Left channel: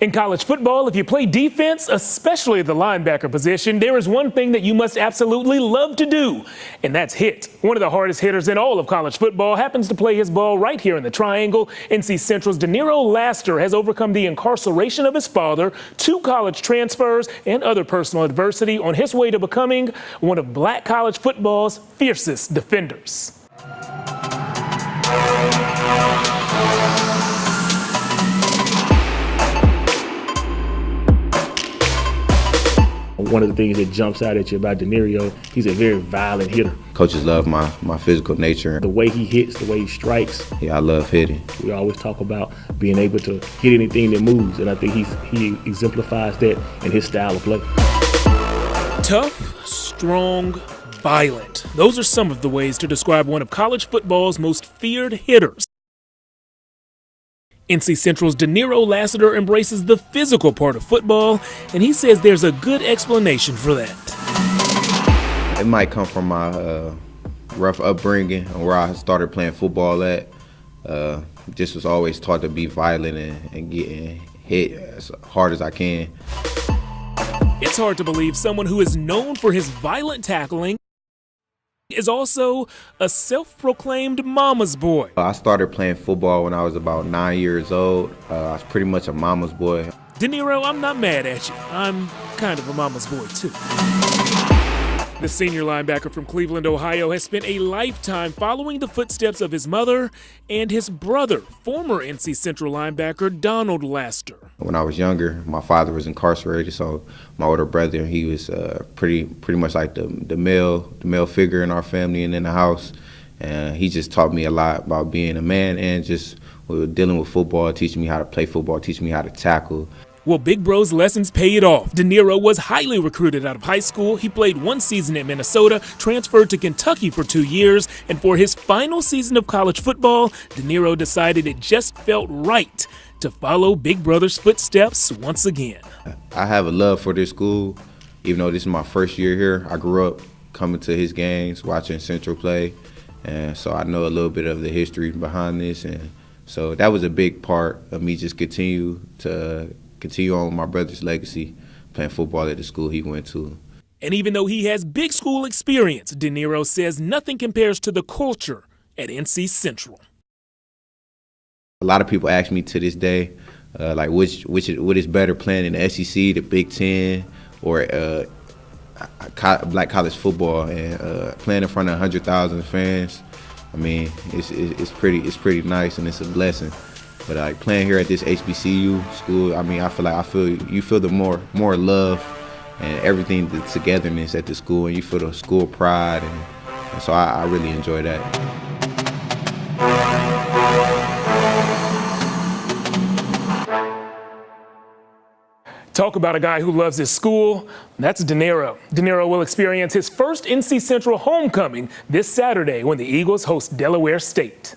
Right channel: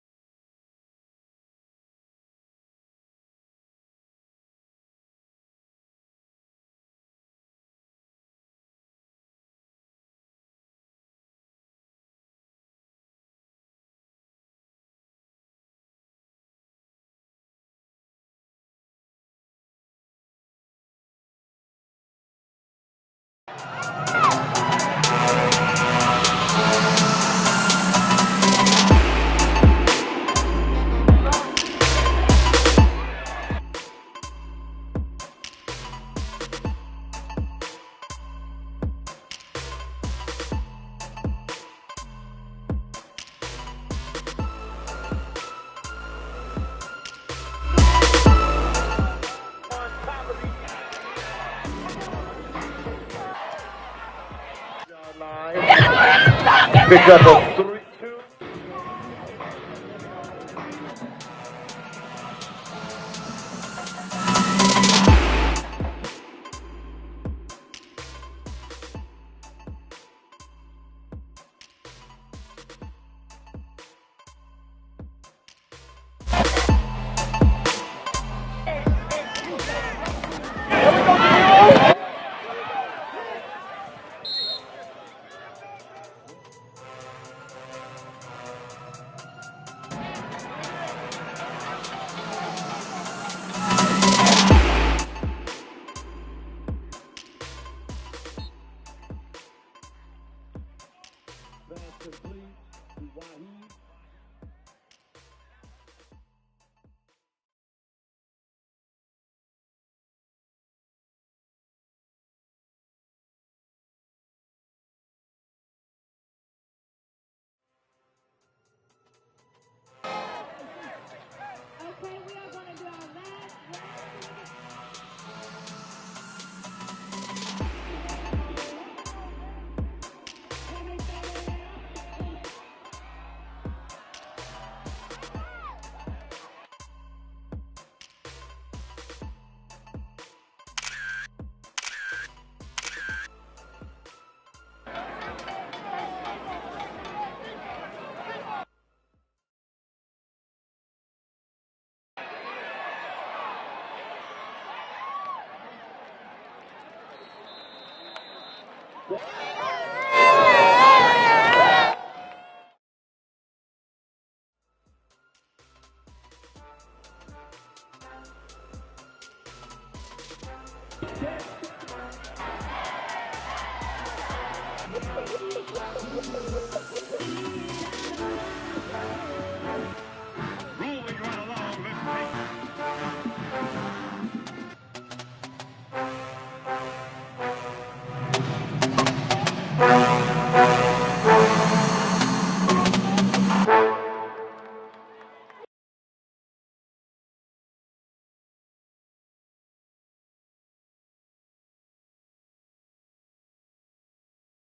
In college football, if you play defense, especially the linebacker position, there is one thing that you must absolutely love to do, and that's hit. One of the hardest hitters in all of college football happens to play his ball right here in the triangle. NC Central's DeNiro has overcome the incarceration of his father, 2 college transfers, and other personal adversity on his way to becoming one of black college football's fiercest defenders. One of the things that jumps out at you about DeNiro, he's a very violent hitter. Coaches love my physical nature. The way he hits, the way he strikes. Yeah, I love hitting. We always talk about being able to hit anything that moves, and I think he exemplifies that in his style of play. Tough, strong, violent. Those are some of the ways to describe one of college football's most feared hitters. NC Central's DeNiro embraces the physical part of football, and he says there's a good explanation for that. It might come from my rough upbringing and where I started playing football at. Just was always taught to be violent and getting hit as hard as I can. It's hard to believe someone who is known for his violent tackling is also a self-proclaimed mama's boy. I started playing football when I was about 9 years old. I was pretty much a mama's boy. DeNiro, I'm not mad at you. I'm kind of a mama's boy, too. The senior linebacker from Cleveland, Ohio, has spent a lifetime following the footsteps of his mother and his brother, former NC Central linebacker Donald Laster. When I was younger, my father was incarcerated, so my older brother, he was pretty much like the male figure in our family and in the house. And he just taught me a lot about being a man and just dealing with football, teaching me how to play football, teaching me how to tackle. Well, Big Bro's lessons paid off. DeNiro was highly recruited out of high school. He played 1 season at Minnesota, transferred to Kentucky for 2 years, and for his final season of college football, DeNiro decided it just felt right to follow Big Brother's footsteps once again. I have a love for this school. Even though this is my first year here, I grew up coming to his games, watching Central play, and so I know a little bit of the history behind this. And so that was a big part of me just continue on my brother's legacy, playing football at the school he went to. And even though he has big school experience, DeNiro says nothing compares to the culture at NC Central. A lot of people ask me to this day, like what is better, playing in the SEC, the Big Ten, or black college football, and playing in front of 100,000 fans. I mean, it's pretty nice and it's a blessing. But like playing here at this HBCU school, I mean, you feel the more love and everything, the togetherness at the school, and you feel the school pride, and so I really enjoy that. Talk about a guy who loves his school. That's DeNiro. DeNiro will experience his first NC Central homecoming this Saturday when the Eagles host Delaware State.